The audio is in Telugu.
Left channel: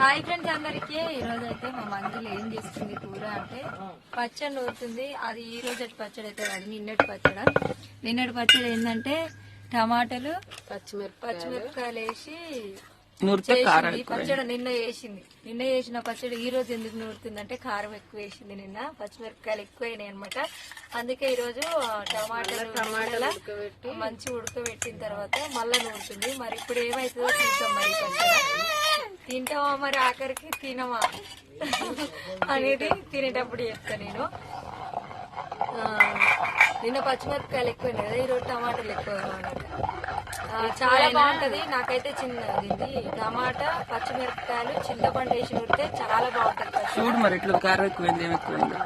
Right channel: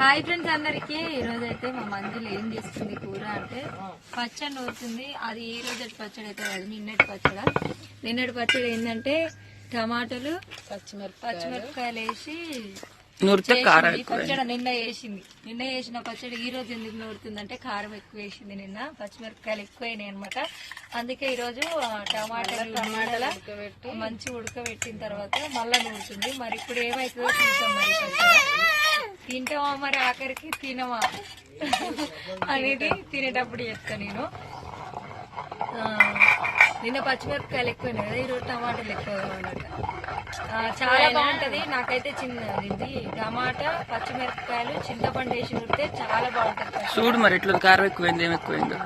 హాయ్ ఫ్రెండ్స్ అందరికి. ఈ రోజు అయితే మా మంజులు ఏం చేస్తుంది కూర అంటే పచ్చడి నూరుతుంది. అది ఈ రోజు పచ్చడి అయితే కాదు, నిన్నటి పచ్చడి ఏంటంటే టమాటాలు పచ్చిమిరపకాయలు వేసి పచ్చడి నిన్న వేసిన పచ్చడి ఈ రోజు ఎందుకు నూరుతుందంటే కారం ఎక్కువ వేసింది. నిన్న పచ్చిమిరపకాయలు ఎక్కువైనాయి అనమాట. అందుకే ఈ రోజు టమాటాలు మంచి ఉడకబెట్టిన తర్వాత మళ్ళా నూరుతుంది. మరి ఇప్పుడు ఏమైతుందో చూద్దాం. మరి పచ్చడి తింటామా మరి ఆఖరికి తినమా అనేది తినేటప్పుడు చెప్తా నేను. నిన్న పచ్చిమిరపకాయలు ఎక్కువైనాయి కదా, ఈరోజు టమాటాలు ఎక్కువ అనమాట. చాలా బాగుంటది. నాకైతే ఇది టమాటా పచ్చిమిరపకాయలు చింతపండు వేసి ఉడితే చాలా బాగుంటది. చూడు మరి ఎట్లా కారం ఎక్కువైంది, ఏం ఎక్కువైందో.